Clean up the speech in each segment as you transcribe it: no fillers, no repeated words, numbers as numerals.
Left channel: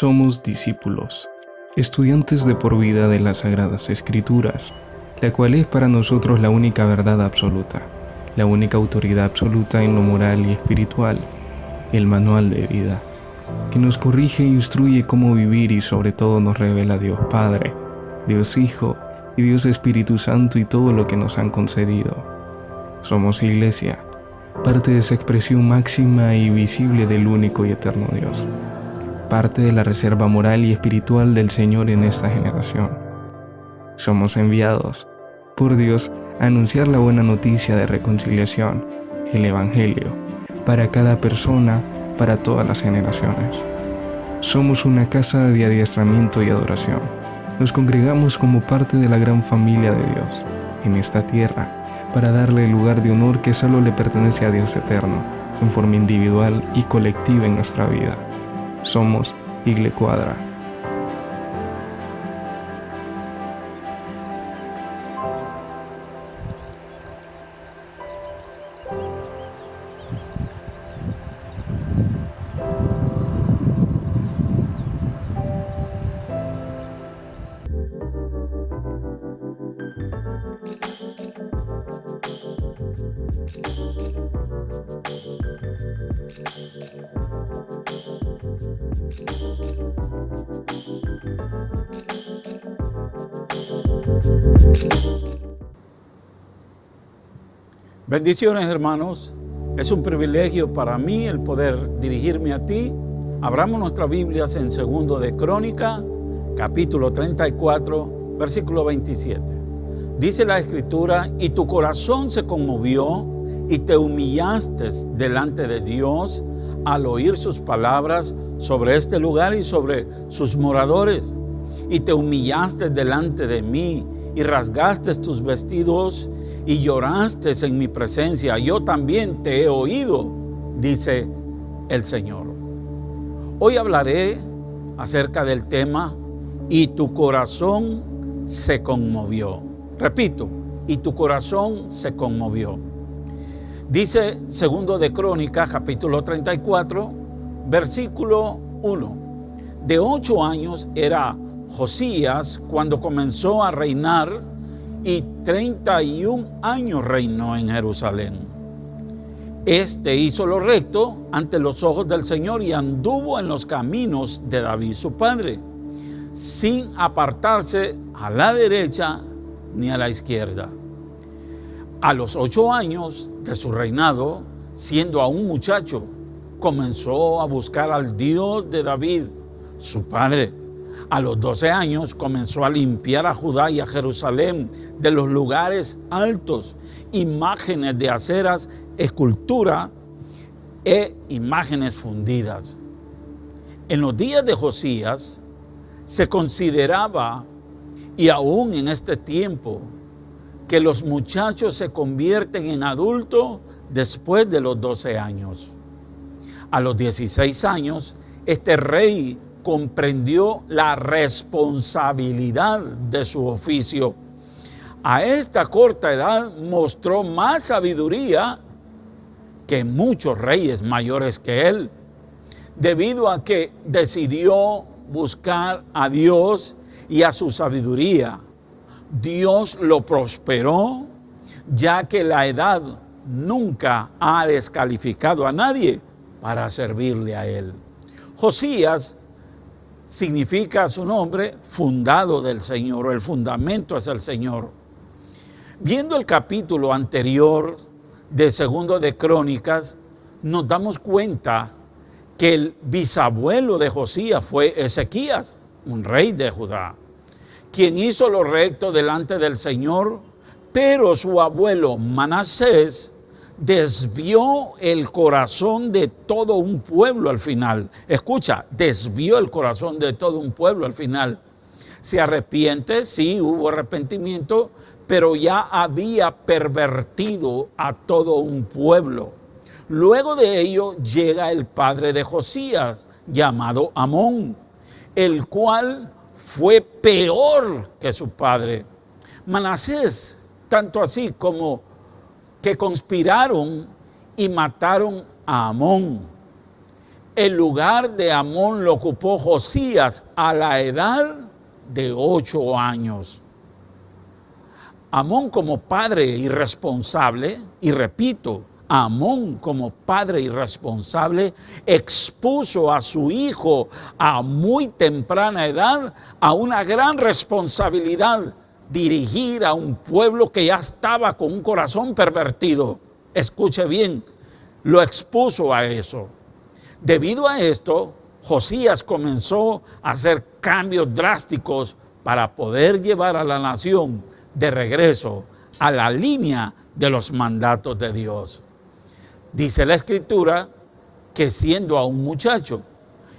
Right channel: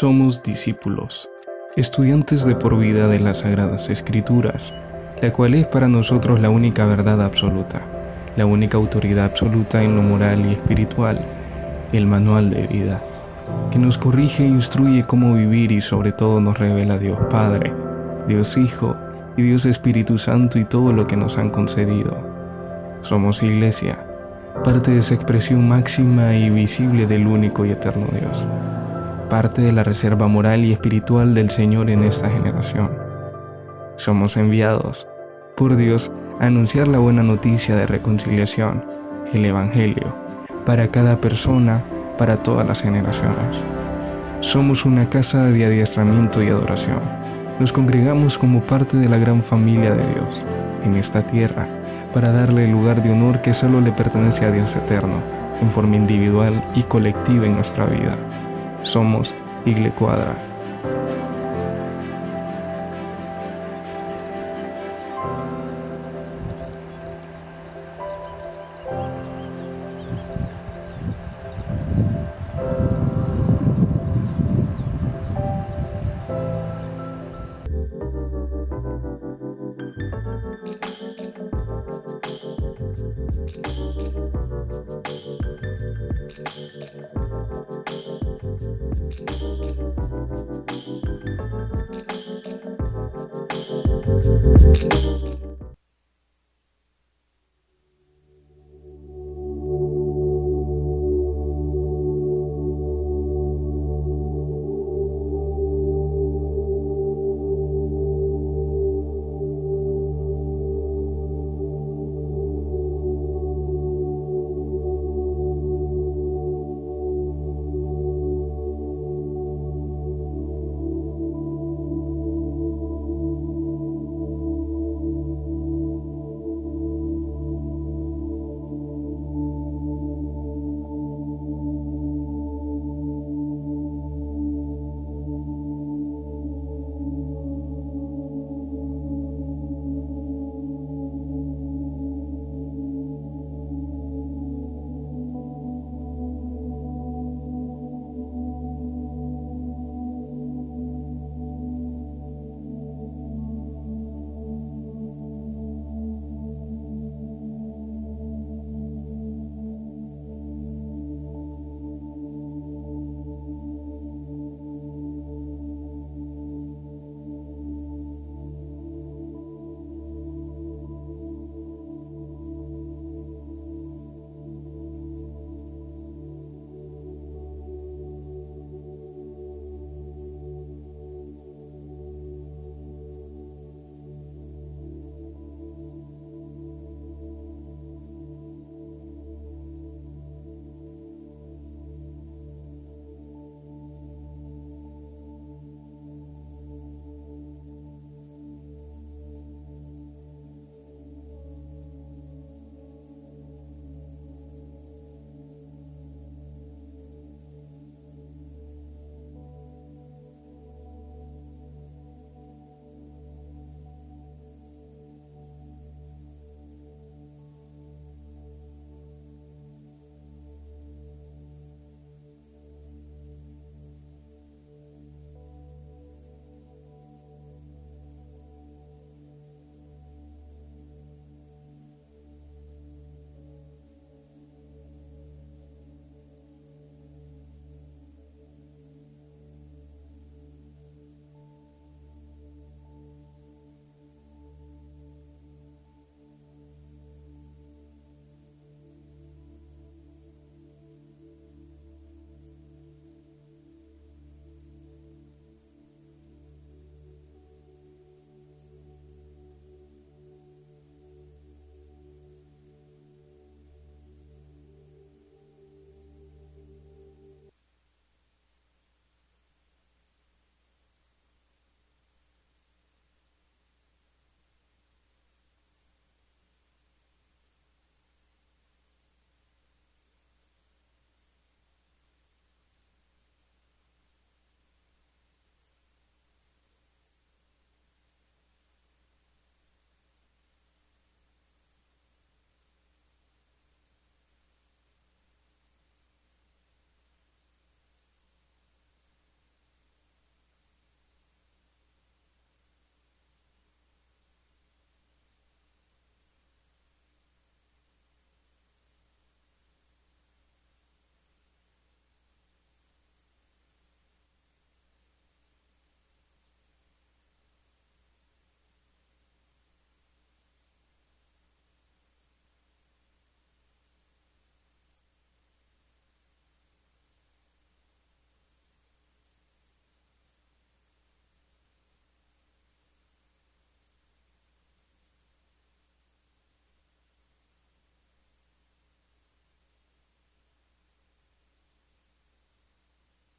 Somos discípulos, estudiantes de por vida de las Sagradas Escrituras, la cual es para nosotros la única verdad absoluta, la única autoridad absoluta en lo moral y espiritual, el manual de vida, que nos corrige e instruye cómo vivir y sobre todo nos revela Dios Padre, Dios Hijo y Dios Espíritu Santo y todo lo que nos han concedido. Somos Iglesia, parte de esa expresión máxima y visible del único y eterno Dios, parte de la reserva moral y espiritual del Señor en esta generación. Somos enviados por Dios a anunciar la buena noticia de reconciliación, el Evangelio, para cada persona, para todas las generaciones. Somos una casa de adiestramiento y adoración. Nos congregamos como parte de la gran familia de Dios en esta tierra para darle el lugar de honor que solo le pertenece a Dios eterno, en forma individual y colectiva en nuestra vida. Somos Igle Cuadra. Bendiciones, hermanos. Es un privilegio para mí el poder dirigirme a ti. Abramos nuestras Biblias en 2 de Crónicas, capítulo 34, versículo 27. Dice la Escritura: y tu corazón se conmovió y te humillaste delante de Dios al oír sus palabras sobre este lugar y sobre sus moradores. Y te humillaste delante de mí y rasgaste tus vestidos y lloraste en mi presencia. Yo también te he oído, dice el Señor. Hoy hablaré acerca del tema: y tu corazón se conmovió. Repito, y tu corazón se conmovió. Dice 2 de Crónicas, capítulo 34, versículo 1. De 8 años era Josías cuando comenzó a reinar, y 31 años reinó en Jerusalén. Este hizo lo recto ante los ojos del Señor y anduvo en los caminos de David su padre, sin apartarse a la derecha ni a la izquierda. A los 8 años de su reinado, siendo aún muchacho, comenzó a buscar al Dios de David, su padre. A los 12 años comenzó a limpiar a Judá y a Jerusalén de los lugares altos, imágenes de aceras, escultura e imágenes fundidas. En los días de Josías se consideraba, y aún en este tiempo, que los muchachos se convierten en adultos después de los 12 años. A los 16 años, este rey comprendió la responsabilidad de su oficio. A esta corta edad mostró más sabiduría que muchos reyes mayores que él, debido a que decidió buscar a Dios y a su sabiduría. Dios lo prosperó, ya que la edad nunca ha descalificado a nadie para servirle a él. Josías significa su nombre fundado del Señor, o el fundamento es el Señor. Viendo el capítulo anterior de 2 de Crónicas, nos damos cuenta que el bisabuelo de Josías fue Ezequías, un rey de Judá, quien hizo lo recto delante del Señor, pero su abuelo Manasés desvió el corazón de todo un pueblo al final. Escucha, desvió el corazón de todo un pueblo al final. Se arrepiente, sí, hubo arrepentimiento, pero ya había pervertido a todo un pueblo. Luego de ello llega el padre de Josías, llamado Amón, el cual fue peor que su padre. Manasés, tanto así como que conspiraron y mataron a Amón. el lugar de Amón lo ocupó Josías a la edad de 8 años. Amón como padre irresponsable, y repito, Amón como padre irresponsable expuso a su hijo a muy temprana edad a una gran responsabilidad: dirigir a un pueblo que ya estaba con un corazón pervertido. Escuche bien, lo expuso a eso. Debido a esto, Josías comenzó a hacer cambios drásticos para poder llevar a la nación de regreso a la línea de los mandatos de Dios. Dice la Escritura que siendo aún muchacho,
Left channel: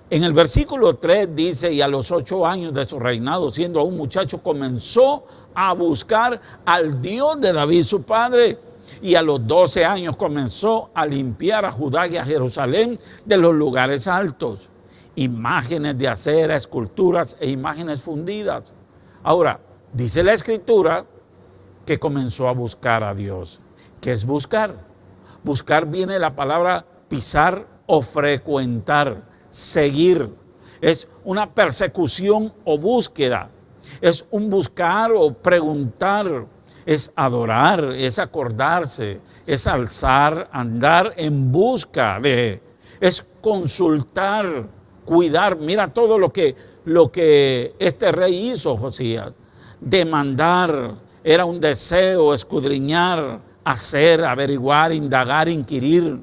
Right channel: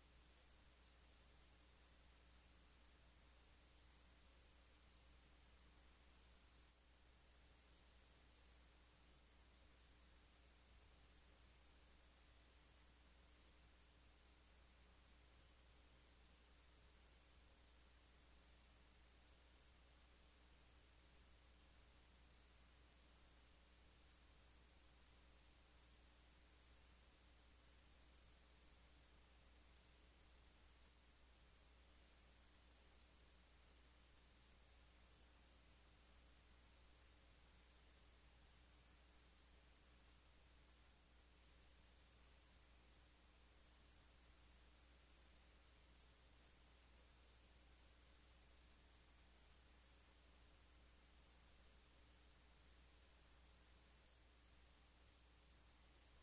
en el versículo 3 dice: y a los 8 años de su reinado, siendo aún muchacho, comenzó a buscar al Dios de David su padre, y a los 12 años comenzó a limpiar a Judá y a Jerusalén de los lugares altos, imágenes de acera, esculturas e imágenes fundidas. Ahora, dice la Escritura que comenzó a buscar a Dios. ¿Qué es buscar? Buscar viene la palabra pisar o frecuentar, seguir. Es una persecución o búsqueda. Es un buscar o preguntar. Es adorar, es acordarse, es alzar, andar en busca de. Es consultar, cuidar. Mira todo lo que este rey hizo, Josías. Demandar, era un deseo, escudriñar, hacer, averiguar, indagar, inquirir.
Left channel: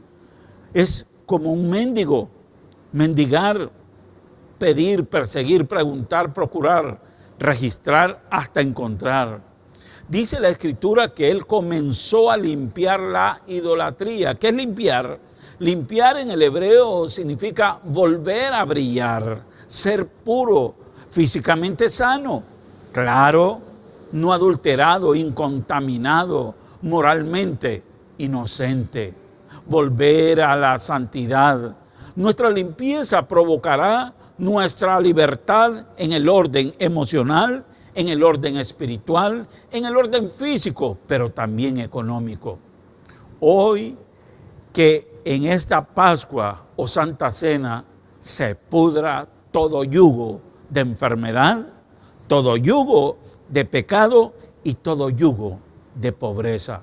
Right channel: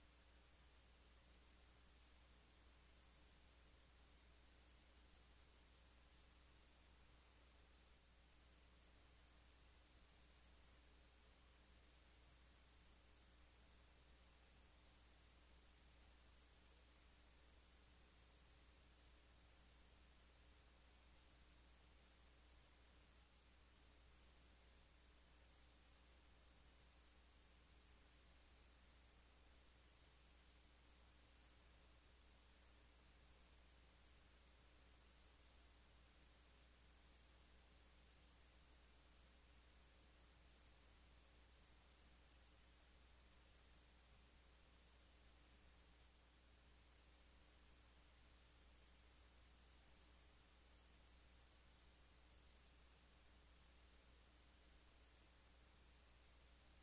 Es como un mendigo, mendigar, pedir, perseguir, preguntar, procurar, registrar hasta encontrar. Dice la Escritura que él comenzó a limpiar la idolatría. ¿Qué es limpiar? Limpiar en el hebreo significa volver a brillar, ser puro, físicamente sano, claro, no adulterado, incontaminado, moralmente inocente, volver a la santidad. Nuestra limpieza provocará nuestra libertad en el orden emocional, en el orden espiritual, en el orden físico, pero también económico. Hoy que en esta Pascua o Santa Cena se pudra todo yugo de enfermedad, todo yugo de pecado y todo yugo de pobreza.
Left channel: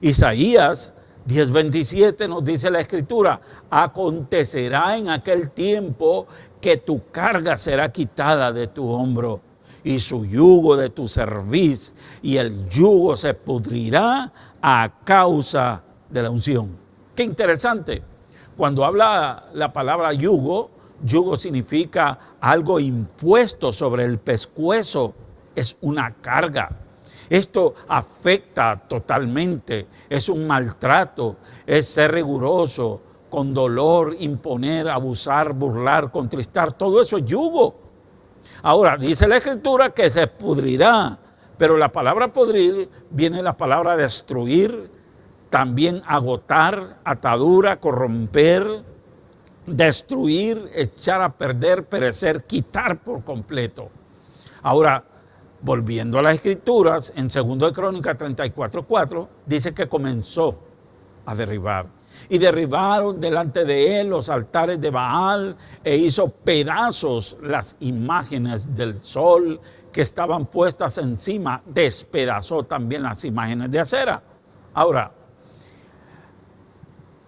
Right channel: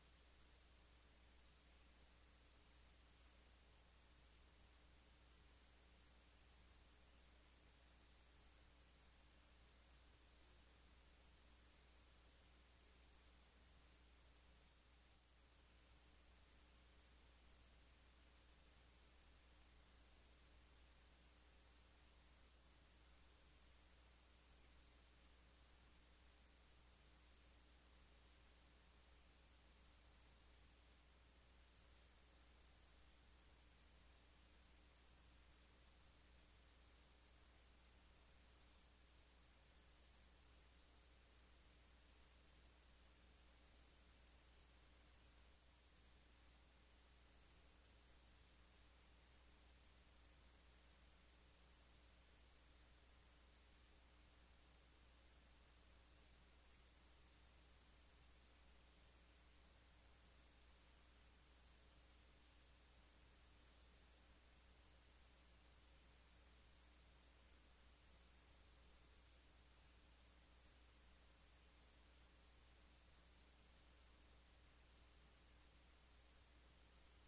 Isaías 10:27 nos dice la Escritura: acontecerá en aquel tiempo que tu carga será quitada de tu hombro y su yugo de tu cerviz, y el yugo se pudrirá a causa de la unción. Qué interesante. Cuando habla la palabra yugo, yugo significa algo impuesto sobre el pescuezo, es una carga. Esto afecta totalmente, es un maltrato, es ser riguroso, con dolor, imponer, abusar, burlar, contristar, todo eso es yugo. Ahora, dice la Escritura que se pudrirá, pero la palabra pudrir viene la palabra destruir, también agotar, atadura, corromper, destruir, echar a perder, perecer, quitar por completo. Ahora, volviendo a las Escrituras, en 2 de Crónicas 34:4, dice que comenzó a derribar. Y derribaron delante de él los altares de Baal e hizo pedazos las imágenes del sol que estaban puestas encima. Despedazó también las imágenes de acera. Ahora,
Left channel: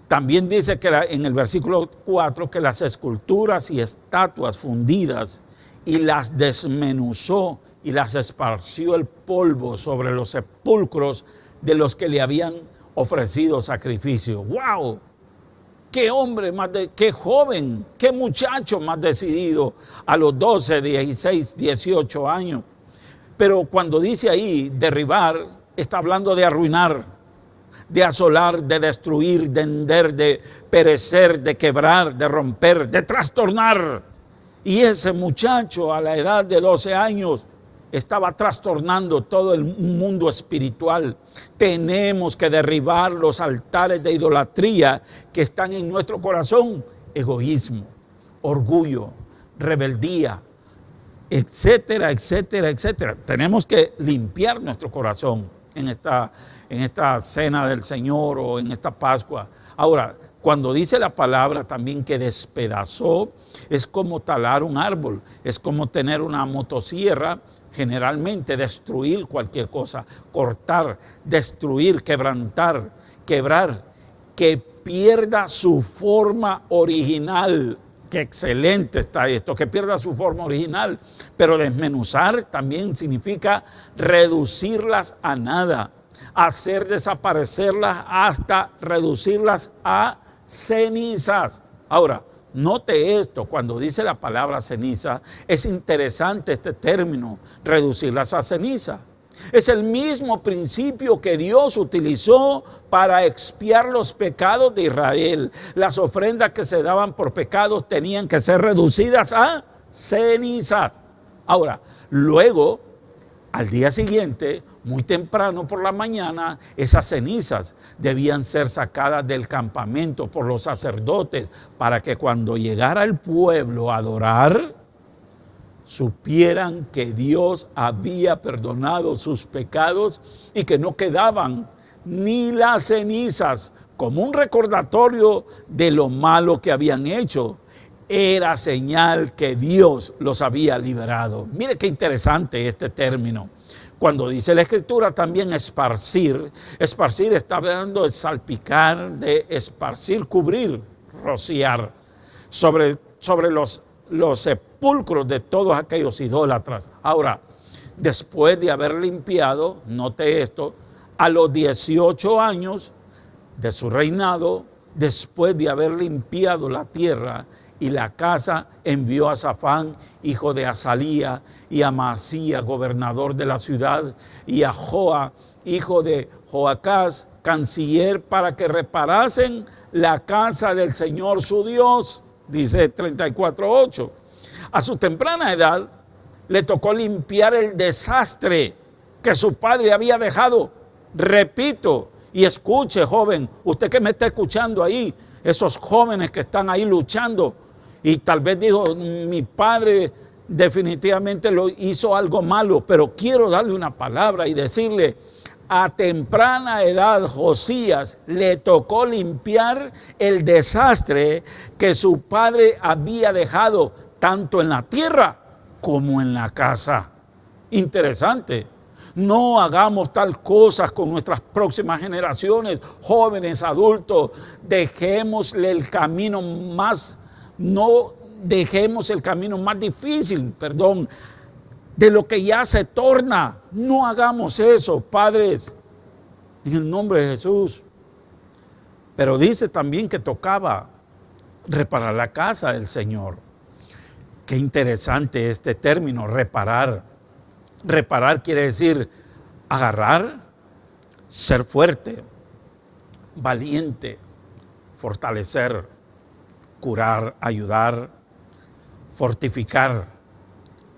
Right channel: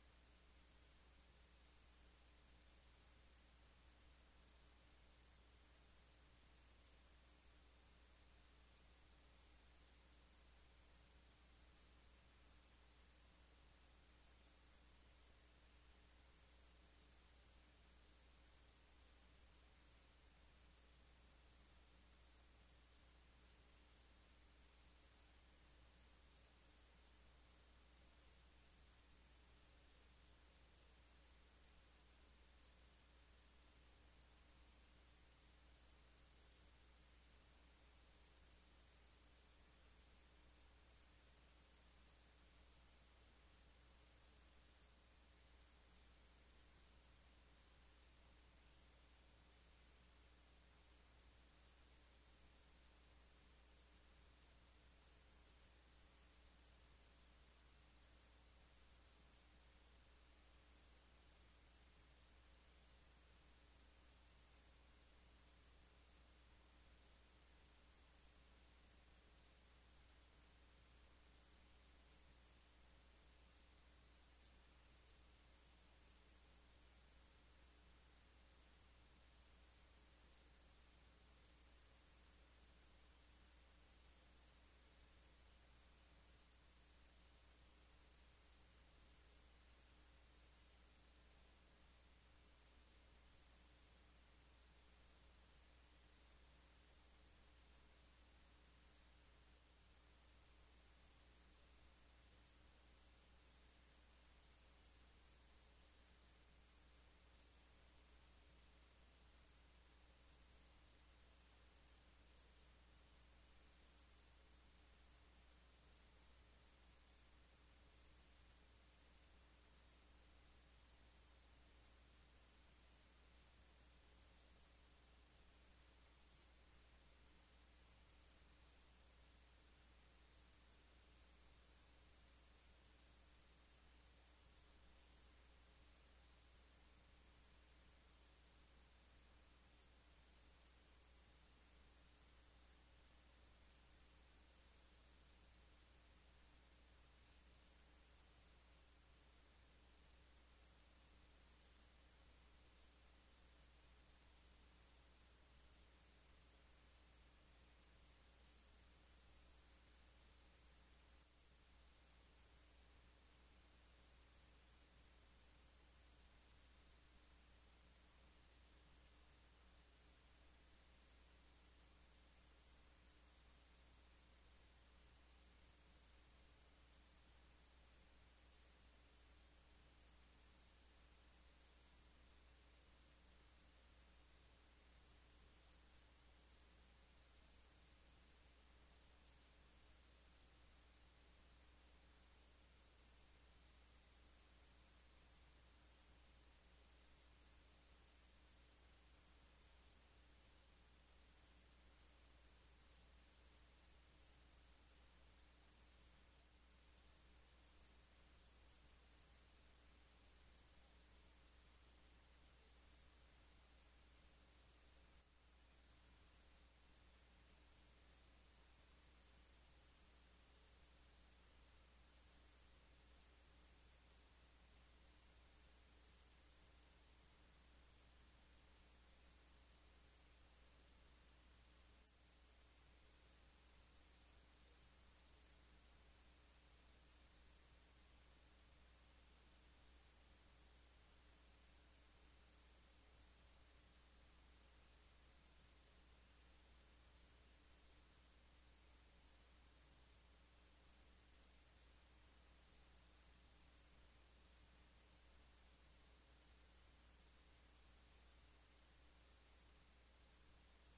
también dice que en el versículo 4 que las esculturas y estatuas fundidas y las desmenuzó y las esparció el polvo sobre los sepulcros de los que le habían ofrecido sacrificio. ¡Wow! ¡Qué hombre qué joven, qué muchacho más decidido a los 12, 16, 18 años! Pero cuando dice ahí derribar, está hablando de arruinar, de asolar, de destruir, de hender, de perecer, de quebrar, de romper, de trastornar. Y ese muchacho a la edad de 12 años estaba trastornando todo el mundo espiritual. Tenemos que derribar los altares de idolatría que están en nuestro corazón: egoísmo, orgullo, rebeldía, etcétera, etcétera, etcétera. Tenemos que limpiar nuestro corazón en esta cena del Señor o en esta Pascua. Ahora, Cuando dice la palabra también que despedazó, es como talar un árbol, es como tener una motosierra, generalmente destruir cualquier cosa, cortar, destruir, quebrantar, quebrar, que pierda su forma original. Qué excelente está esto, que pierda su forma original. Pero desmenuzar también significa reducirlas a nada, hacer desaparecerlas hasta reducirlas a cenizas. Ahora, note esto, cuando dice la palabra ceniza, es interesante este término, reducirlas a ceniza. Es el mismo principio que Dios utilizó para expiar los pecados de Israel. Las ofrendas que se daban por pecados tenían que ser reducidas a cenizas. Ahora, luego, al día siguiente, muy temprano por la mañana, esas cenizas debían ser sacadas del campamento por los sacerdotes para que cuando llegara el pueblo a adorar, supieran que Dios había perdonado sus pecados y que no quedaban ni las cenizas como un recordatorio de lo malo que habían hecho. Era señal que Dios los había liberado. Mire qué interesante este término. Cuando dice la Escritura también esparcir está hablando de salpicar, de esparcir, cubrir, rociar sobre los sepulcros de todos aquellos idólatras. Ahora, después de haber limpiado, note esto, a los 18 años de su reinado, después de haber limpiado la tierra y la casa, envió a Safán, hijo de Azalía, y a Maasías, gobernador de la ciudad, y a Joa, hijo de Joacás, canciller, para que reparasen la casa del Señor su Dios, dice 34:8. A su temprana edad le tocó limpiar el desastre que su padre había dejado. Repito, y escuche, joven, usted que me está escuchando ahí, esos jóvenes que están ahí luchando, y tal vez dijo, mi padre definitivamente lo hizo algo malo, pero quiero darle una palabra y decirle, a temprana edad Josías le tocó limpiar el desastre que su padre había dejado, tanto en la tierra como en la casa. Interesante. No hagamos tal cosas con nuestras próximas generaciones, jóvenes, adultos. Dejémosle el camino más, no dejemos el camino más difícil, de lo que ya se torna. No hagamos eso, padres, en el nombre de Jesús. Pero dice también que tocaba reparar la casa del Señor. Qué interesante este término, reparar. Reparar quiere decir agarrar, ser fuerte, valiente, fortalecer, curar, ayudar, fortificar,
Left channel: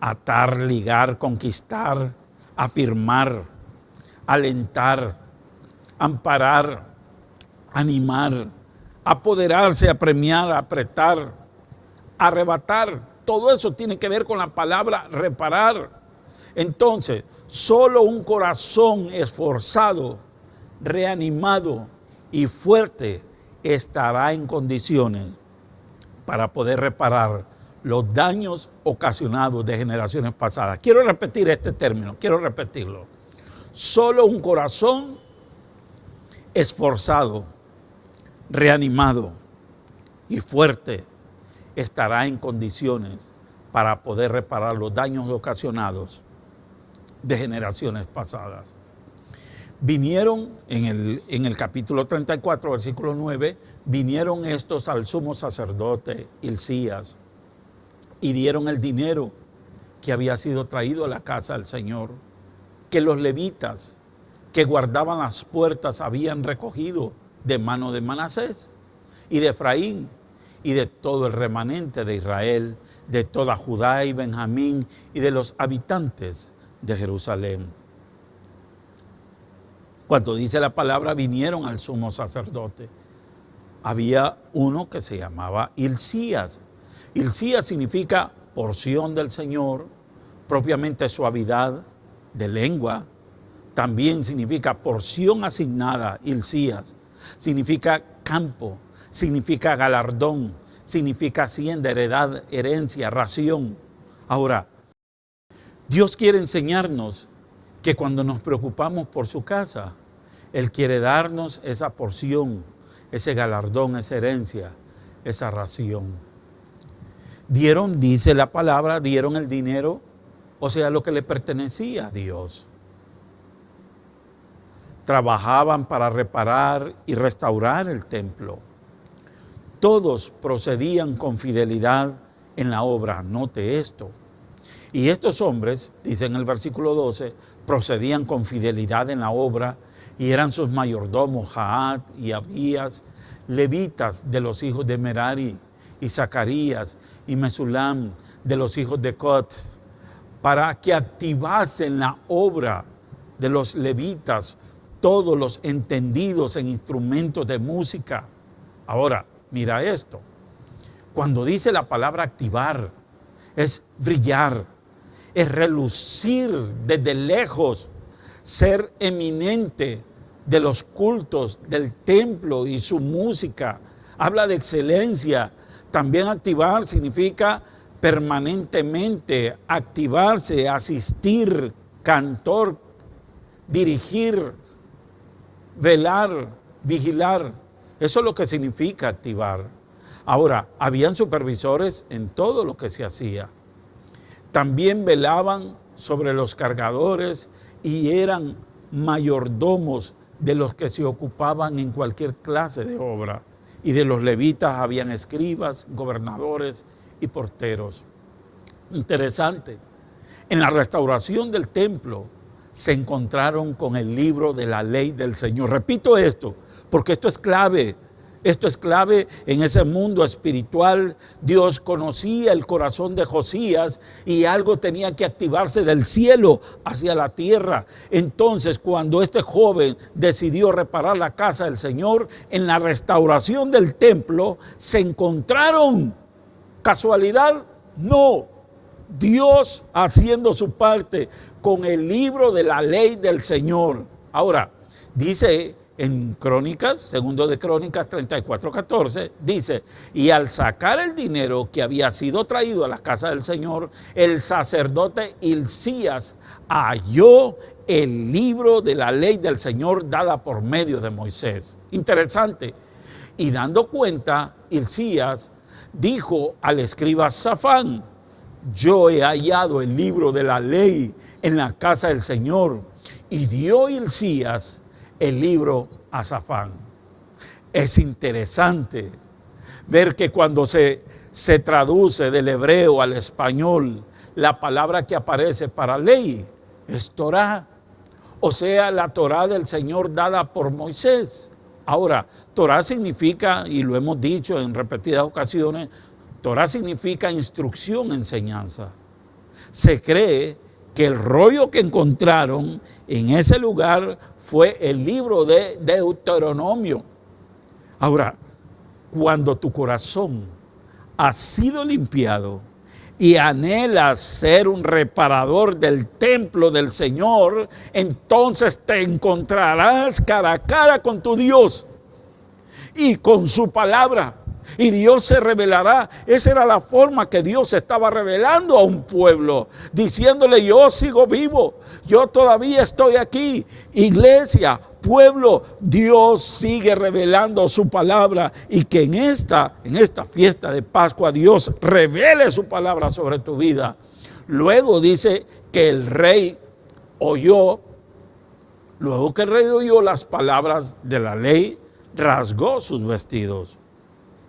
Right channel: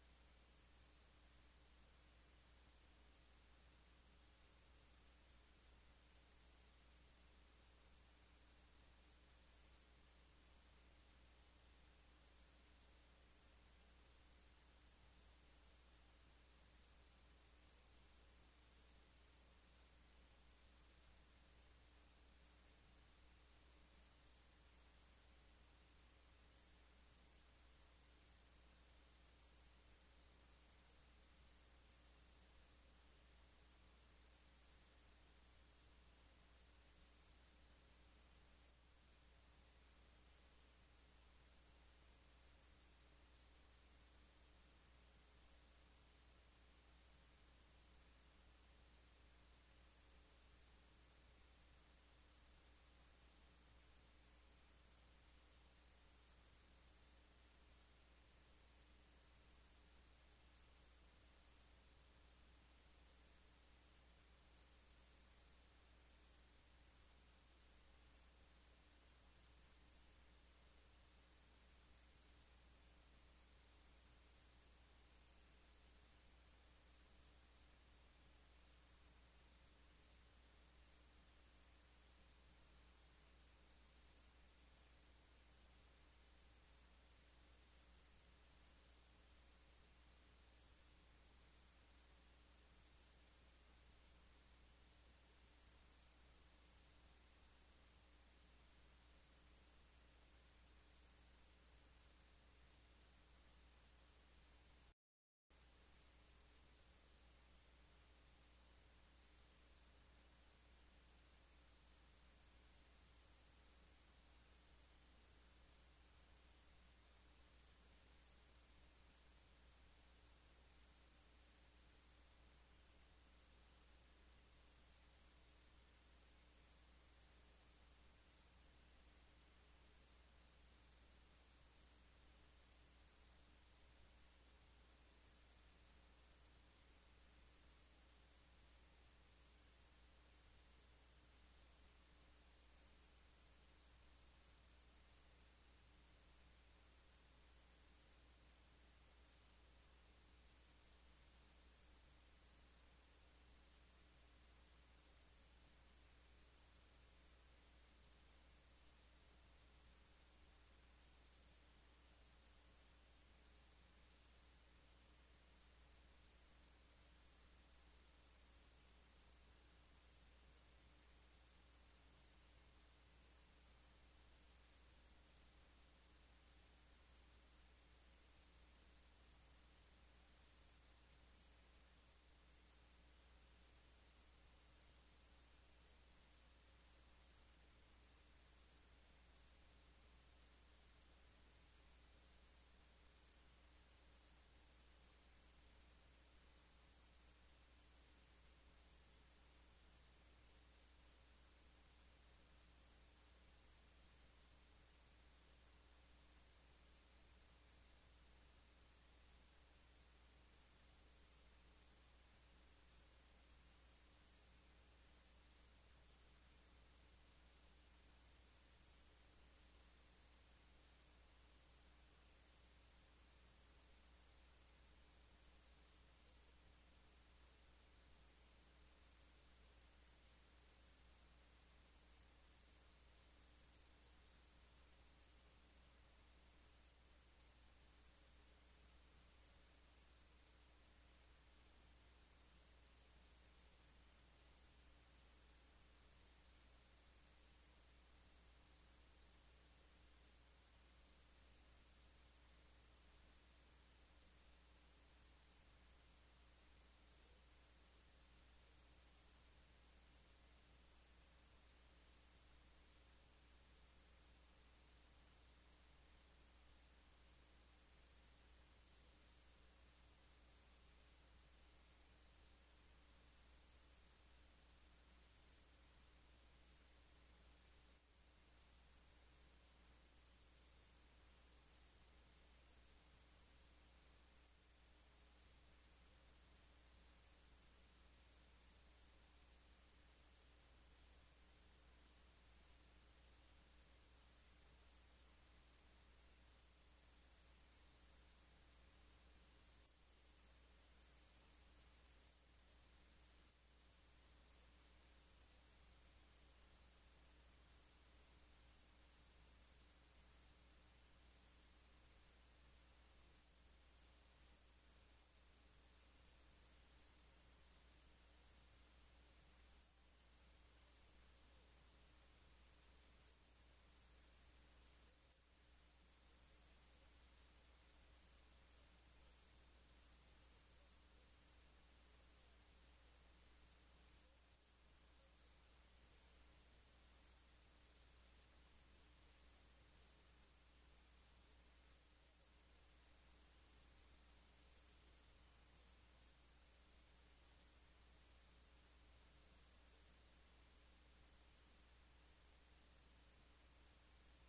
atar, ligar, conquistar, afirmar, alentar, amparar, animar, apoderarse, apremiar, apretar, arrebatar. Todo eso tiene que ver con la palabra reparar. Entonces, solo un corazón esforzado, reanimado y fuerte estará en condiciones para poder reparar los daños ocasionados de generaciones pasadas. Quiero repetir este término, quiero repetirlo. Solo un corazón esforzado, reanimado y fuerte estará en condiciones para poder reparar los daños ocasionados de generaciones pasadas. Vinieron en el capítulo 34, versículo 9, vinieron estos al sumo sacerdote Hilcías y dieron el dinero que había sido traído a la casa del Señor, que los levitas que guardaban las puertas habían recogido de mano de Manasés y de Efraín y de todo el remanente de Israel, de toda Judá y Benjamín y de los habitantes de Jerusalén. Cuando dice la palabra vinieron al sumo sacerdote, había uno que se llamaba Hilcías. Hilcías significa porción del Señor, propiamente suavidad de lengua. También significa porción asignada. Hilcías significa campo, significa galardón, significa hacienda, heredad, herencia, ración. Ahora, Dios quiere enseñarnos que cuando nos preocupamos por su casa, Él quiere darnos esa porción, ese galardón, esa herencia, esa ración. Dieron, dice la palabra, dieron el dinero, o sea, lo que le pertenecía a Dios. Trabajaban para reparar y restaurar el templo. Todos procedían con fidelidad en la obra. Note esto. Y estos hombres, dice en el versículo 12, procedían con fidelidad en la obra y eran sus mayordomos Jaat y Abdías, levitas de los hijos de Merari, y Zacarías y Mesulam de los hijos de Cot, para que activasen la obra de los levitas, todos los entendidos en instrumentos de música. Ahora, mira esto. Cuando dice la palabra activar, es brillar, es relucir desde lejos, ser eminente de los cultos del templo y su música. Habla de excelencia. También activar significa permanentemente activarse, asistir, cantor, dirigir, velar, vigilar. Eso es lo que significa activar. Ahora, habían supervisores en todo lo que se hacía. También velaban sobre los cargadores y eran mayordomos de los que se ocupaban en cualquier clase de obra. Y de los levitas habían escribas, gobernadores y porteros. Interesante. En la restauración del templo se encontraron con el libro de la ley del Señor. Repito esto, porque esto es clave. Esto es clave en ese mundo espiritual. Dios conocía el corazón de Josías y algo tenía que activarse del cielo hacia la tierra. Entonces, cuando este joven decidió reparar la casa del Señor, en la restauración del templo se encontraron. ¿Casualidad? No. Dios haciendo su parte con el libro de la ley del Señor. Ahora, dice en Crónicas, segundo de Crónicas 34:14, dice, y al sacar el dinero que había sido traído a la casa del Señor, el sacerdote Hilcías halló el libro de la ley del Señor dada por medio de Moisés. Interesante. Y dando cuenta, Hilcías dijo al escriba Safán, yo he hallado el libro de la ley en la casa del Señor. Y dio Hilcías el libro a Safán. Es interesante ver que cuando se traduce del hebreo al español, la palabra que aparece para ley es Torá, o sea, la Torá del Señor dada por Moisés. Ahora, Torá significa, y lo hemos dicho en repetidas ocasiones, Torá significa instrucción, enseñanza. Se cree que el rollo que encontraron en ese lugar fue el libro de Deuteronomio. Ahora, cuando tu corazón ha sido limpiado y anhelas ser un reparador del templo del Señor, entonces te encontrarás cara a cara con tu Dios y con su palabra. Y Dios se revelará. Esa era la forma que Dios estaba revelando a un pueblo, diciéndole, yo sigo vivo, yo todavía estoy aquí. Iglesia, pueblo, Dios sigue revelando su palabra, y que en esta fiesta de Pascua Dios revele su palabra sobre tu vida. Luego dice que el rey oyó, luego que el rey oyó las palabras de la ley, rasgó sus vestidos.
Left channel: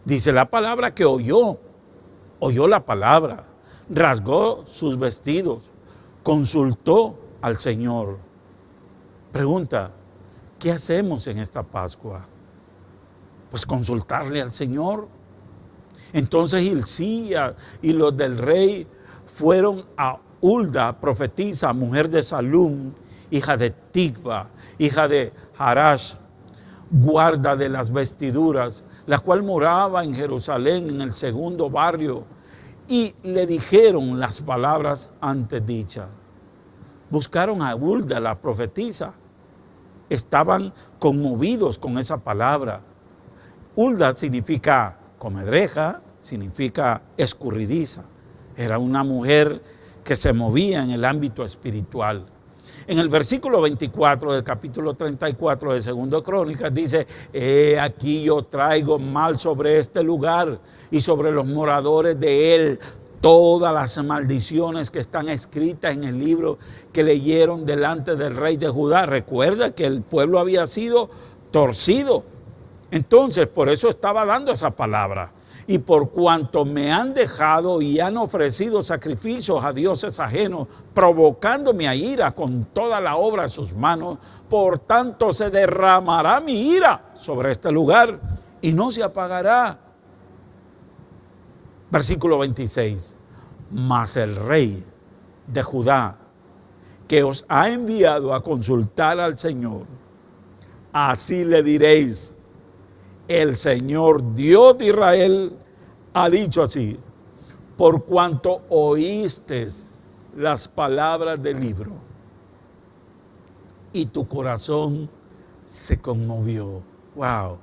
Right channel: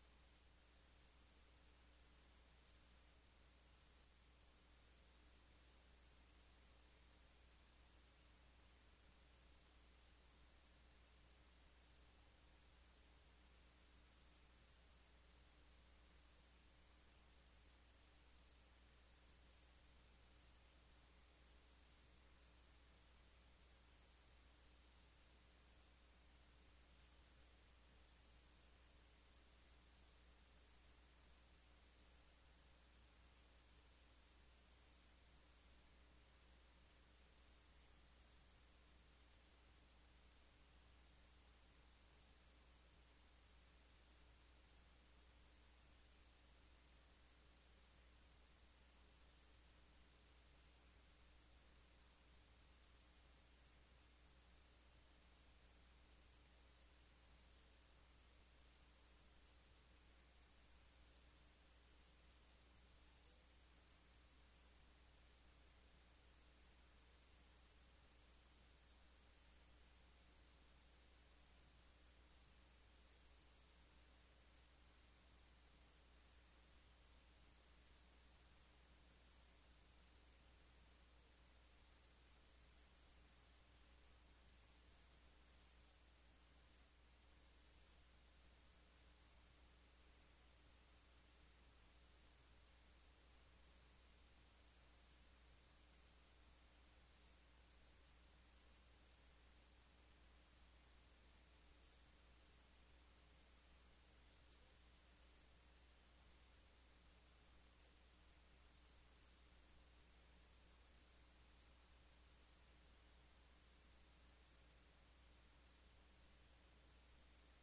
Dice la palabra que oyó la palabra, rasgó sus vestidos, consultó al Señor. Pregunta, ¿qué hacemos en esta Pascua? Pues consultarle al Señor. Entonces Hilcías y los del rey fueron a Hulda, profetisa, mujer de Salum, hija de Tigba, hija de Harash, guarda de las vestiduras, la cual moraba en Jerusalén, en el segundo barrio, y le dijeron las palabras antes dichas. Buscaron a Hulda, la profetisa. Estaban conmovidos con esa palabra. Hulda significa comedreja, significa escurridiza. Era una mujer que se movía en el ámbito espiritual. En el versículo 24 del capítulo 34 de 2 Crónicas dice: aquí yo traigo mal sobre este lugar y sobre los moradores de él todas las maldiciones que están escritas en el libro que leyeron delante del rey de Judá. Recuerda que el pueblo había sido torcido. Entonces, por eso estaba dando esa palabra. Y por cuanto me han dejado y han ofrecido sacrificios a dioses ajenos, provocándome a ira con toda la obra de sus manos, por tanto se derramará mi ira sobre este lugar y no se apagará. Versículo 26. Mas el rey de Judá, que os ha enviado a consultar al Señor, así le diréis: el Señor Dios de Israel ha dicho así: por cuanto oíste las palabras del libro y tu corazón se conmovió. Wow,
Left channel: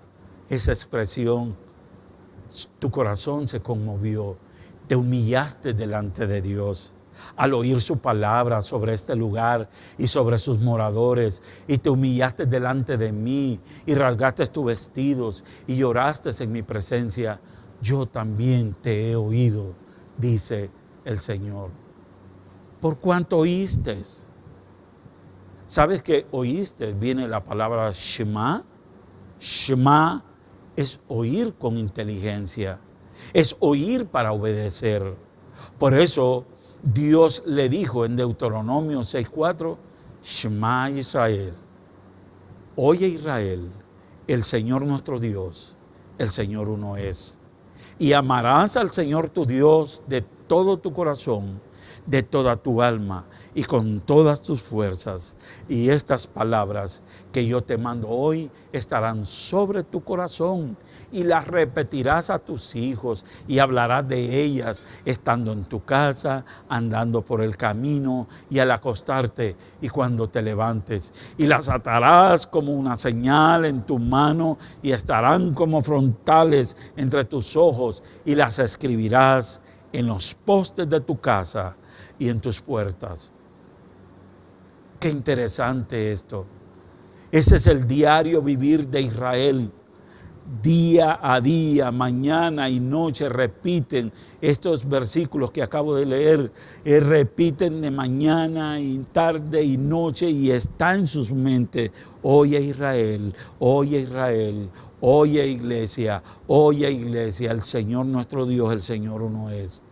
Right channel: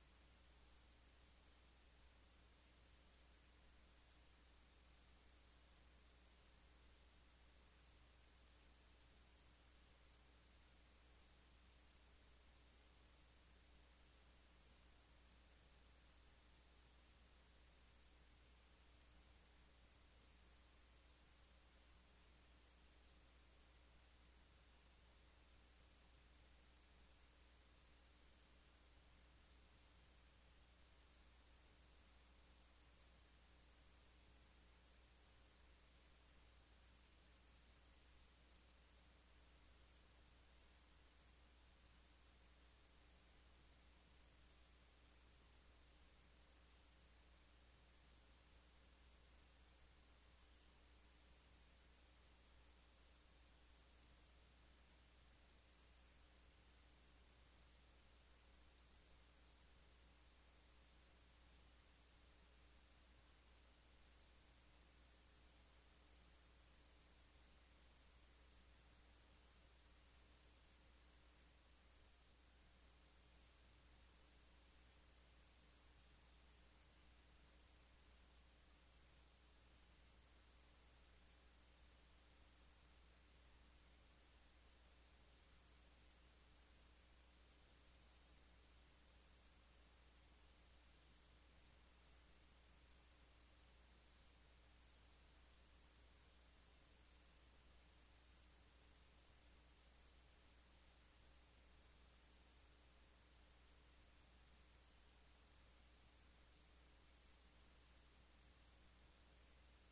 esa expresión, tu corazón se conmovió. Te humillaste delante de Dios al oír su palabra sobre este lugar y sobre sus moradores, y te humillaste delante de mí y rasgaste tus vestidos y lloraste en mi presencia. Yo también te he oído, dice el Señor. ¿Por cuánto oíste? ¿Sabes que oíste? Viene la palabra Shema. Shema es oír con inteligencia, es oír para obedecer. Por eso Dios le dijo en Deuteronomio 6:4: Shema Israel, oye Israel, el Señor nuestro Dios, el Señor uno es. Y amarás al Señor tu Dios de todo tu corazón, de toda tu alma y con todas tus fuerzas. Y estas palabras que yo te mando hoy estarán sobre tu corazón, y las repetirás a tus hijos y hablarás de ellas estando en tu casa, andando por el camino y al acostarte y cuando te levantes. Y las atarás como una señal en tu mano y estarán como frontales entre tus ojos, y las escribirás en los postes de tu casa y en tus puertas. Qué interesante esto. Ese es el diario vivir de Israel. Día a día, mañana y noche repiten estos versículos que acabo de leer. Repiten de mañana y tarde y noche, y está en sus mentes. Oye Israel, oye Israel, oye iglesia, el Señor nuestro Dios, el Señor uno es.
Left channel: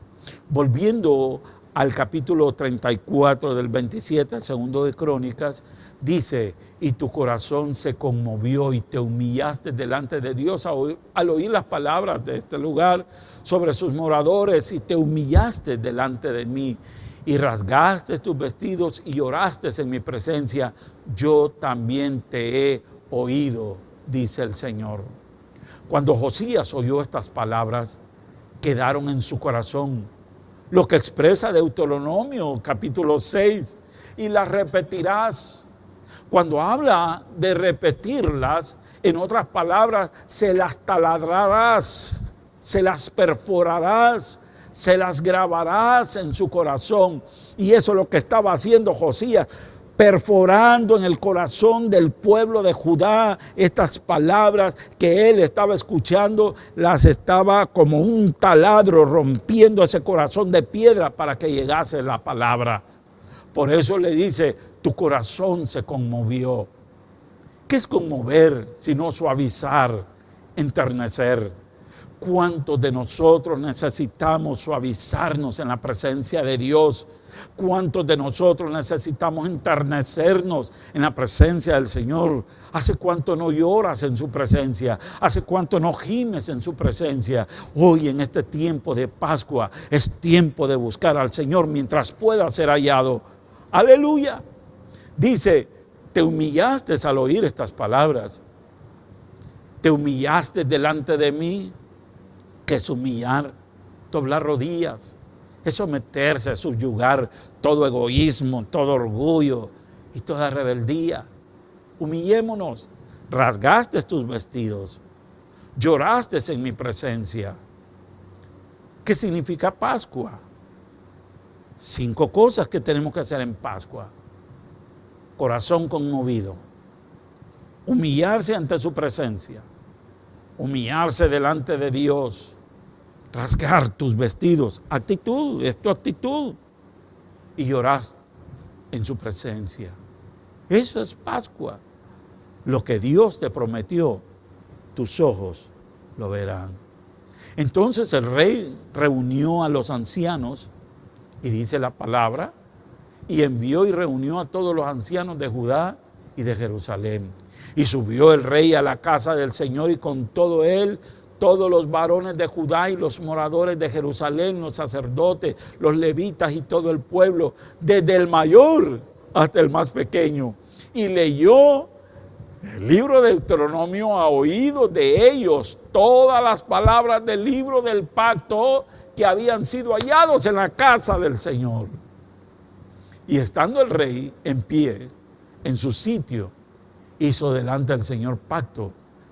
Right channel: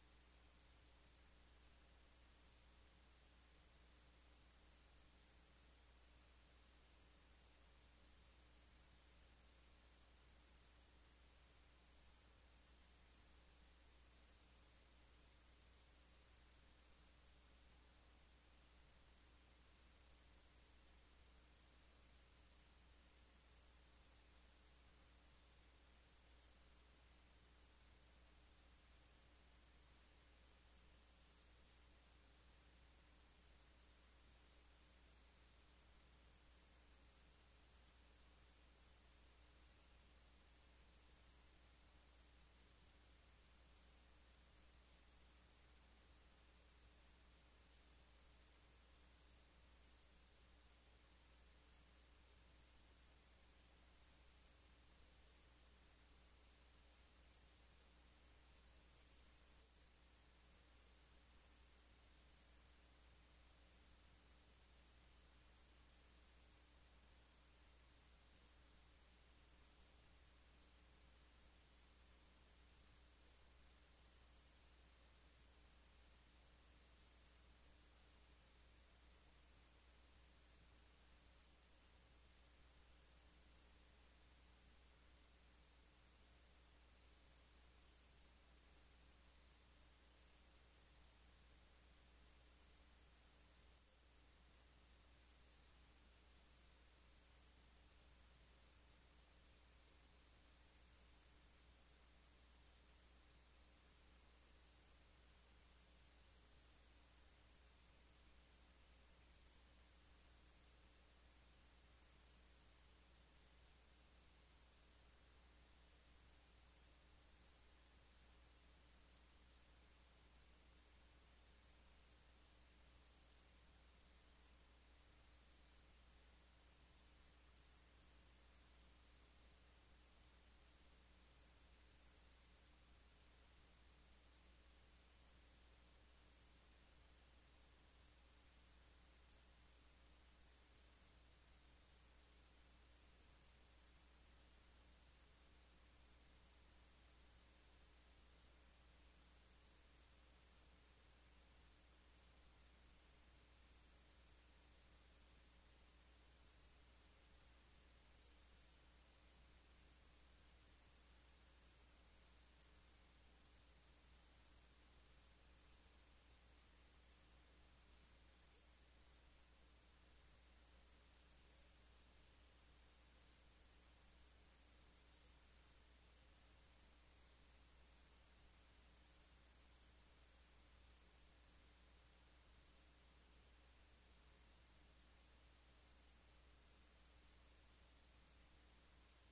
Volviendo al capítulo 34 del 27 al 2 de Crónicas, dice: y tu corazón se conmovió y te humillaste delante de Dios al oír las palabras de este lugar sobre sus moradores, y te humillaste delante de mí y rasgaste tus vestidos y lloraste en mi presencia. Yo también te he oído, dice el Señor. Cuando Josías oyó estas palabras, quedaron en su corazón, lo que expresa Deuteronomio capítulo 6, y las repetirás. Cuando habla de repetirlas, en otras palabras, se las taladrarás, se las perforarás, se las grabarás en su corazón. Y eso es lo que estaba haciendo Josías, perforando en el corazón del pueblo de Judá estas palabras que él estaba escuchando, las estaba como un taladro rompiendo ese corazón de piedra para que llegase la palabra. Por eso le dice: tu corazón se conmovió. ¿Qué es conmover sino suavizar, enternecer? ¿Cuántos de nosotros necesitamos suavizarnos en la presencia de Dios? ¿Cuántos de nosotros necesitamos enternecernos en la presencia del Señor? ¿Hace cuánto no lloras en su presencia? ¿Hace cuánto no gimes en su presencia? Hoy, en este tiempo de Pascua, es tiempo de buscar al Señor mientras pueda ser hallado. ¡Aleluya! Dice: te humillaste al oír estas palabras. Te humillaste delante de mí. ¿Qué es humillar? Doblar rodillas, es someterse, subyugar todo egoísmo, todo orgullo y toda rebeldía. Humillémonos. Rasgaste tus vestidos. lloraste en mi presencia. ¿Qué significa Pascua? 5 cosas que tenemos que hacer en Pascua. Corazón conmovido, humillarse ante su presencia, humillarse delante de Dios, rasgar tus vestidos, actitud, es tu actitud, y llorar en su presencia. Eso es Pascua. Lo que Dios te prometió, tus ojos lo verán. Entonces el rey reunió a los ancianos, y dice la palabra, y envió y reunió a todos los ancianos de Judá y de Jerusalén. Y subió el rey a la casa del Señor, y con todo él, todos los varones de Judá y los moradores de Jerusalén, los sacerdotes, los levitas y todo el pueblo, desde el mayor hasta el más pequeño. Y leyó el libro de Deuteronomio a oídos de ellos todas las palabras del libro del pacto que habían sido hallados en la casa del Señor. Y estando el rey en pie en su sitio, hizo delante del Señor pacto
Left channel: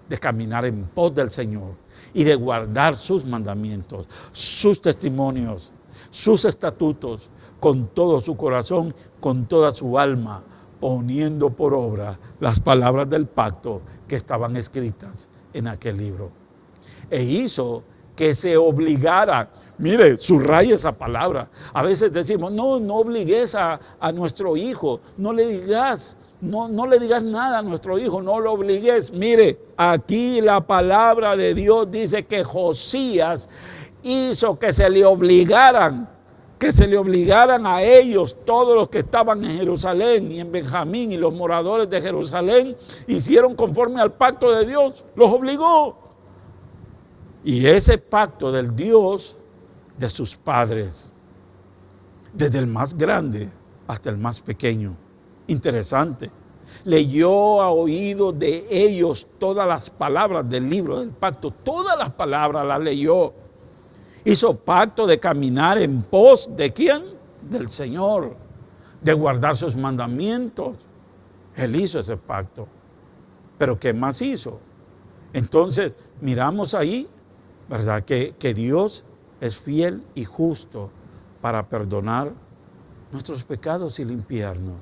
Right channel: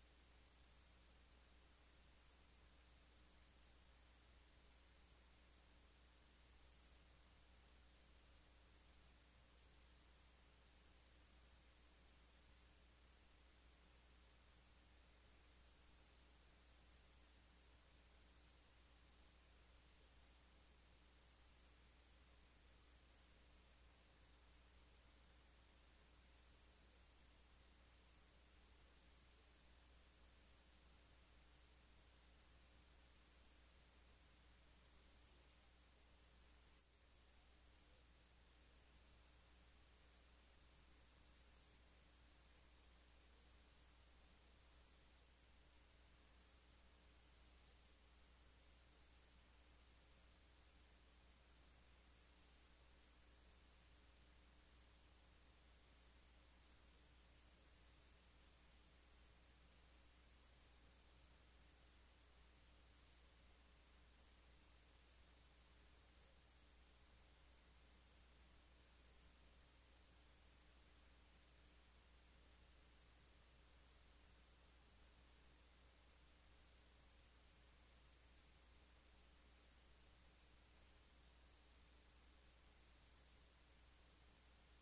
de caminar en pos del Señor y de guardar sus mandamientos, sus testimonios, sus estatutos, con todo su corazón, con toda su alma, poniendo por obra las palabras del pacto que estaban escritas en aquel libro. E hizo que se obligara, mire, subraya esa palabra. A veces decimos, no obligues a nuestro hijo, no le digas nada a nuestro hijo, no lo obligues. Mire, aquí la palabra de Dios dice que Josías hizo que se le obligaran a ellos, todos los que estaban en Jerusalén y en Benjamín y los moradores de Jerusalén, hicieron conforme al pacto de Dios, los obligó. Y ese pacto del Dios de sus padres, desde el más grande hasta el más pequeño. Interesante. Leyó a oídos de ellos todas las palabras del libro del pacto, todas las palabras las leyó. Hizo pacto de caminar en pos ¿de quién? Del Señor, de guardar sus mandamientos. Él hizo ese pacto. Pero ¿qué más hizo? Entonces, miramos ahí, ¿verdad? Que Dios es fiel y justo para perdonar nuestros pecados y limpiarnos.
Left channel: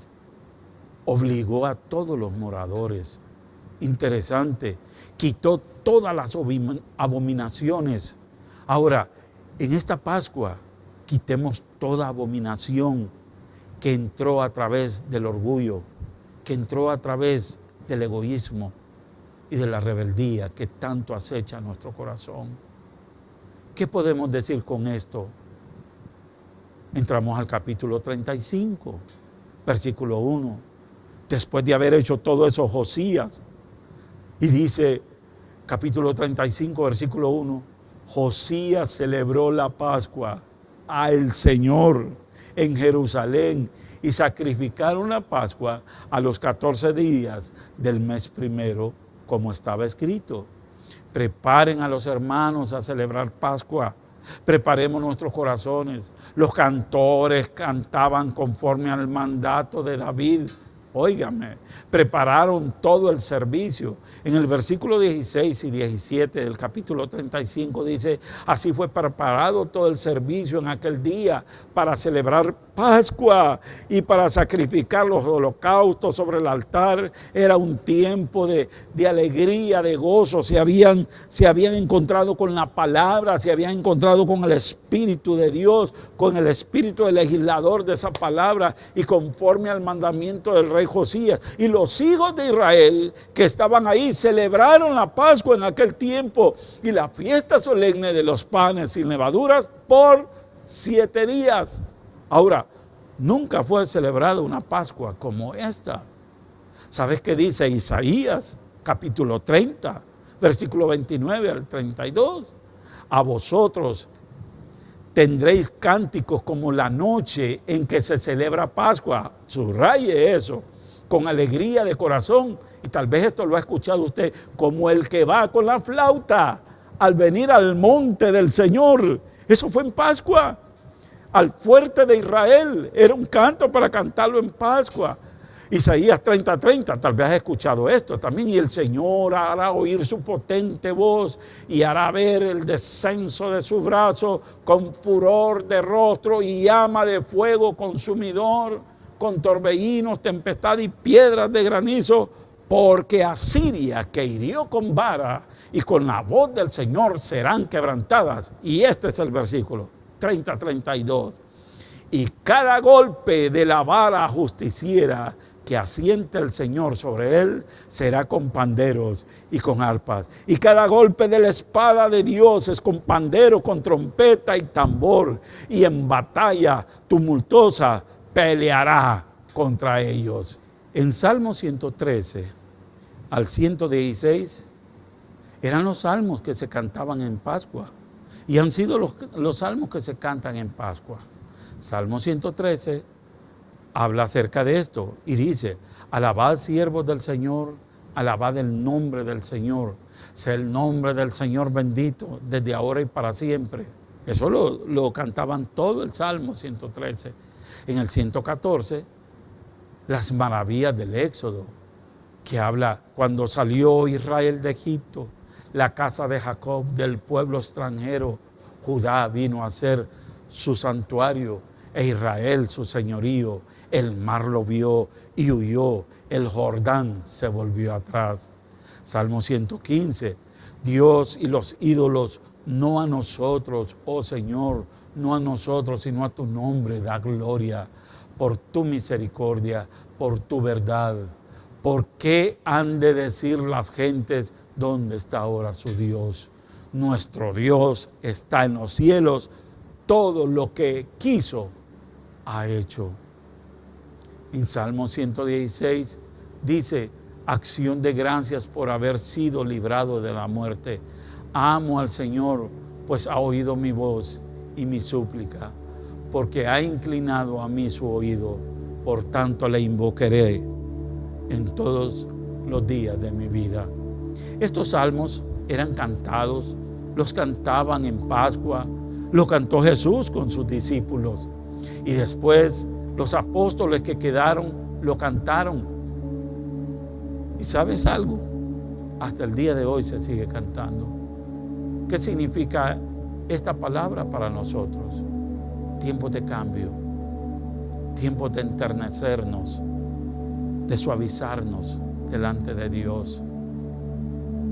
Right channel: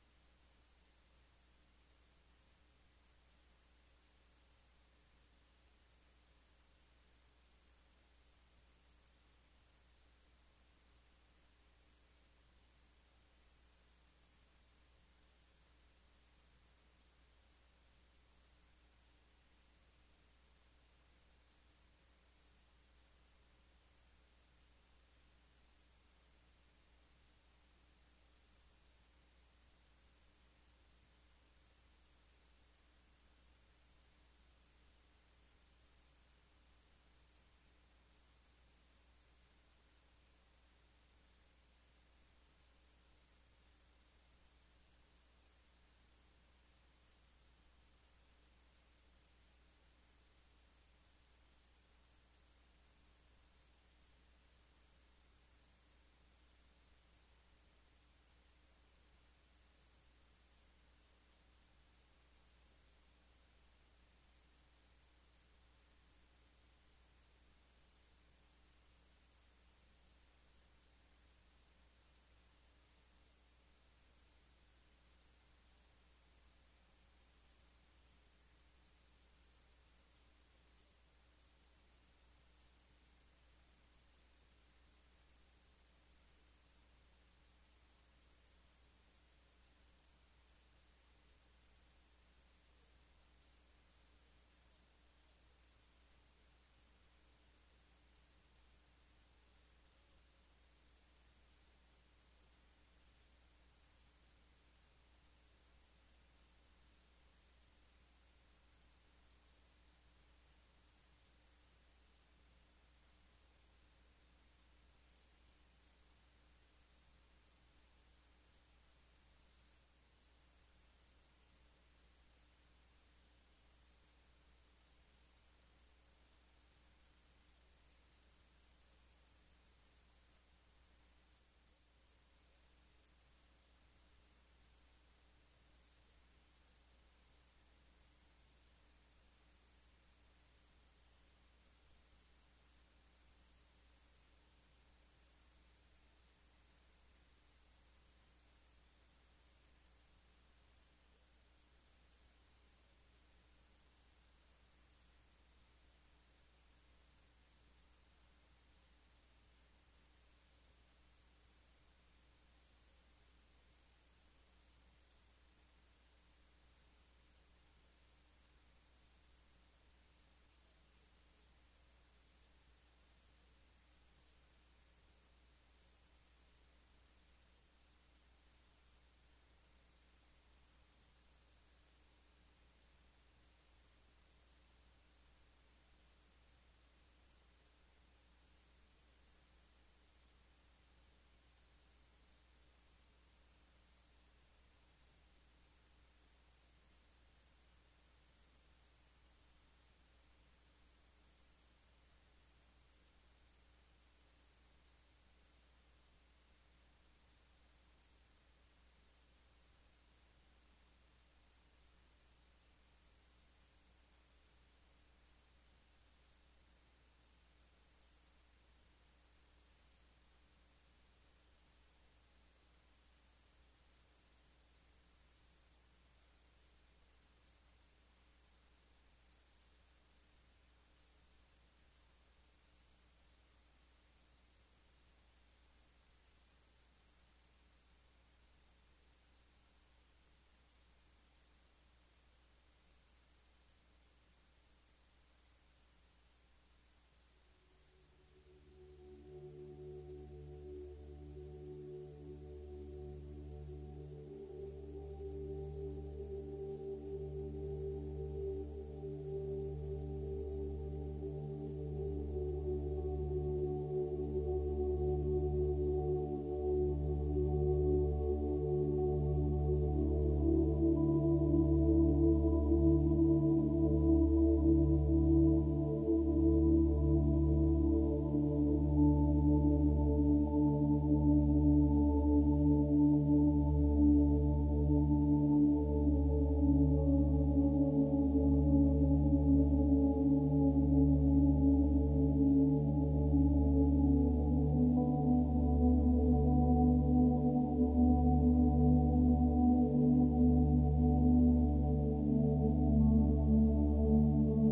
Obligó a todos los moradores. Interesante. Quitó todas las abominaciones. Ahora, en esta Pascua, quitemos toda abominación que entró a través del orgullo, que entró a través del egoísmo y de la rebeldía que tanto acecha nuestro corazón. ¿Qué podemos decir con esto? Entramos al capítulo 35, versículo 1. Después de haber hecho todo eso Josías, y dice, capítulo 35, versículo 1, Josías celebró la Pascua al Señor en Jerusalén y sacrificaron la Pascua a los 14 días del mes primero, como estaba escrito. Preparen a los hermanos a celebrar Pascua. Preparemos nuestros corazones. Los cantores cantaban conforme al mandato de David. Óigame, prepararon todo el servicio. En el versículo 16 y 17 del capítulo 35 dice, así fue preparado todo el servicio en aquel día para celebrar Pascua y para sacrificar los holocaustos sobre el altar. Era un tiempo de alegría, de gozo. Se habían encontrado con la palabra, se habían encontrado con el Espíritu de Dios, con el Espíritu del legislador de esa palabra y conforme al mandamiento del rey Josías. Y los hijos de Israel que estaban ahí celebraron la Pascua en aquel tiempo y la fiesta solemne de los panes sin levaduras por 7 días. Ahora, nunca fue celebrada una Pascua como esta. ¿Sabes qué dice Isaías, capítulo 30, versículo 29 al 32? A vosotros tendréis cánticos como la noche en que se celebra Pascua. Subraye eso, con alegría de corazón. Y tal vez esto lo ha escuchado usted, como el que va con la flauta al venir al monte del Señor. Eso fue en Pascua. Al fuerte de Israel, era un canto para cantarlo en Pascua. Isaías 30:30, tal vez has escuchado esto también. Y el Señor hará oír su potente voz y hará ver el descenso de su brazo con furor de rostro y llama de fuego consumidor, con torbellinos, tempestad y piedras de granizo, porque Asiria, que hirió con vara y con la voz del Señor serán quebrantadas. Y este es el versículo 30:32. Y cada golpe de la vara justiciera que asiente el Señor sobre él será con panderos y con arpas. Y cada golpe de la espada de Dios es con pandero, con trompeta y tambor. Y en batalla tumultuosa peleará contra ellos. En Salmo 113 al 116 eran los salmos que se cantaban en Pascua. Y han sido los salmos que se cantan en Pascua. Salmo 113 habla acerca de esto y dice: alabad siervos del Señor, alabad el nombre del Señor, sea el nombre del Señor bendito desde ahora y para siempre. Eso lo cantaban todo el Salmo 113. En el 114, las maravillas del Éxodo, que habla cuando salió Israel de Egipto, la casa de Jacob del pueblo extranjero, Judá vino a ser su santuario e Israel su señorío. El mar lo vio y huyó, el Jordán se volvió atrás. Salmo 115, Dios y los ídolos, no a nosotros, oh Señor, no a nosotros, sino a tu nombre da gloria, por tu misericordia, por tu verdad. ¿Por qué han de decir las gentes, dónde está ahora su Dios? Nuestro Dios está en los cielos, todo lo que quiso ha hecho. En Salmo 116 dice: acción de gracias por haber sido librado de la muerte. Amo al Señor, pues ha oído mi voz y mi súplica, porque ha inclinado a mí su oído. Por tanto le invocaré en todos los días de mi vida. Estos salmos eran cantados, los cantaban en Pascua, lo cantó Jesús con sus discípulos. Y después los apóstoles que quedaron lo cantaron. ¿Y sabes algo? Hasta el día de hoy se sigue cantando. ¿Qué significa esta palabra para nosotros? Tiempos de cambio, tiempos de enternecernos, de suavizarnos delante de Dios.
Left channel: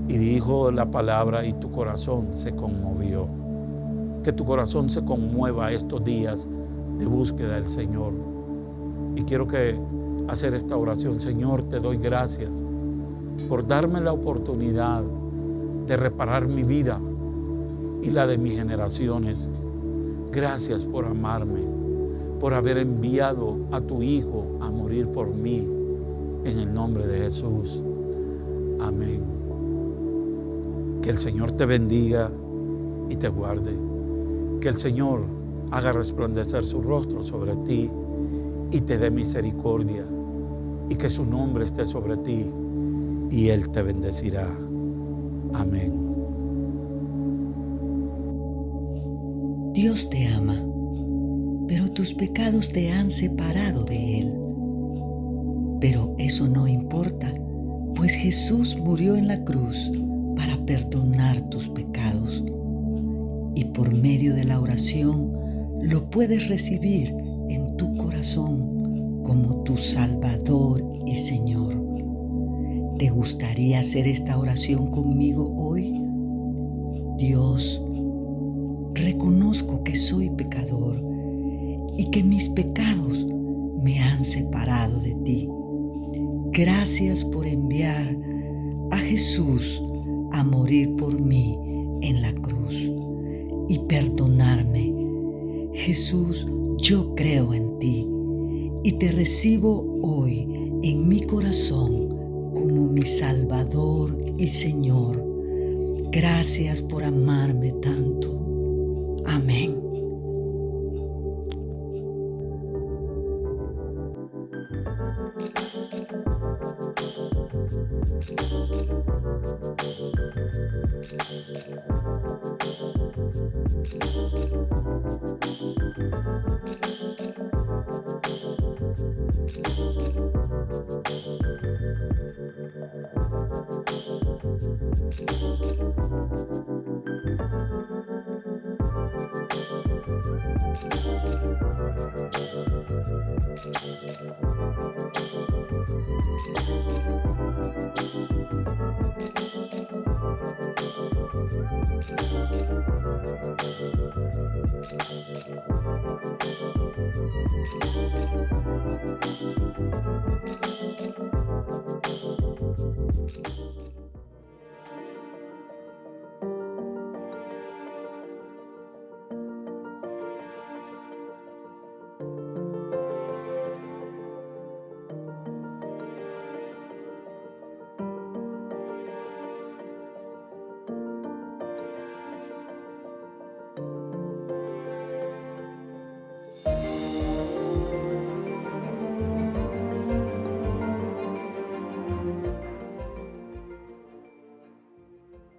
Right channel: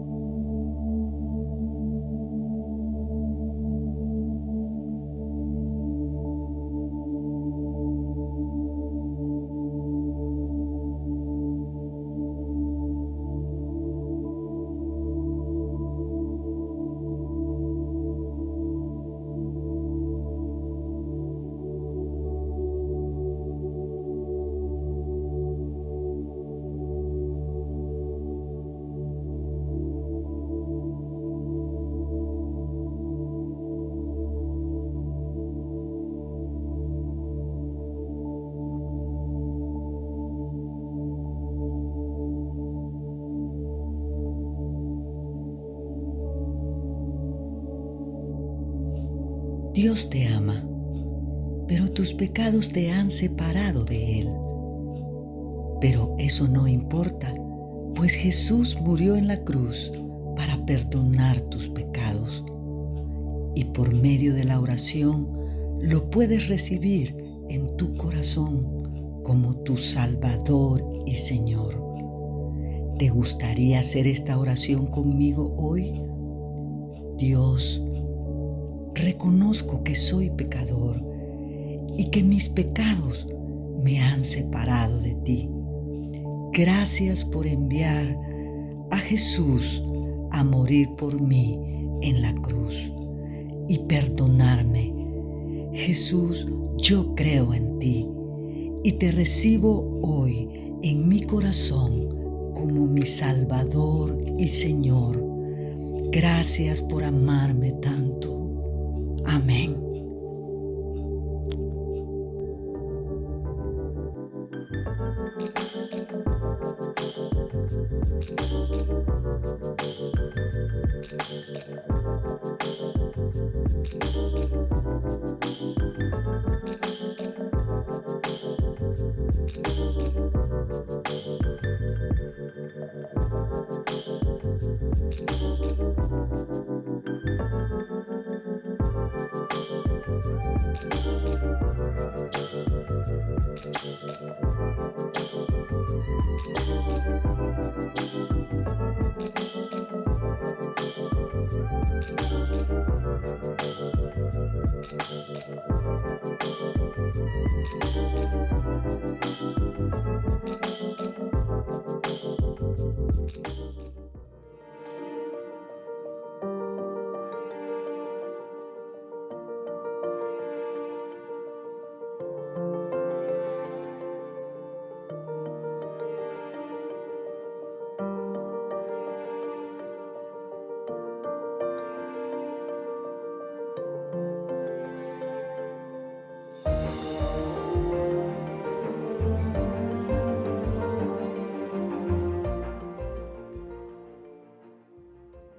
Y dijo la palabra: y tu corazón se conmovió. Que tu corazón se conmueva estos días de búsqueda del Señor. Y quiero hacer esta oración. Señor, te doy gracias por darme la oportunidad de reparar mi vida y la de mis generaciones. Gracias por amarme, por haber enviado a tu Hijo a morir por mí. En el nombre de Jesús. Amén. Que el Señor te bendiga y te guarde. Que el Señor haga resplandecer su rostro sobre ti y te dé misericordia, y que su nombre esté sobre ti y Él te bendecirá. Amén. Dios te ama, pero tus pecados te han separado de Él. Pero eso no importa, pues Jesús murió en la cruz para perdonar tus pecados. Y por medio de la oración lo puedes recibir en tu corazón como tu Salvador y Señor. ¿Te gustaría hacer esta oración conmigo hoy? Dios, reconozco que soy pecador y que mis pecados me han separado de ti. Gracias por enviar a Jesús a morir por mí en la cruz y perdonarme. Jesús, yo creo en ti y te recibo hoy en mi corazón como mi Salvador y Señor. Gracias por amarme tanto. Amén.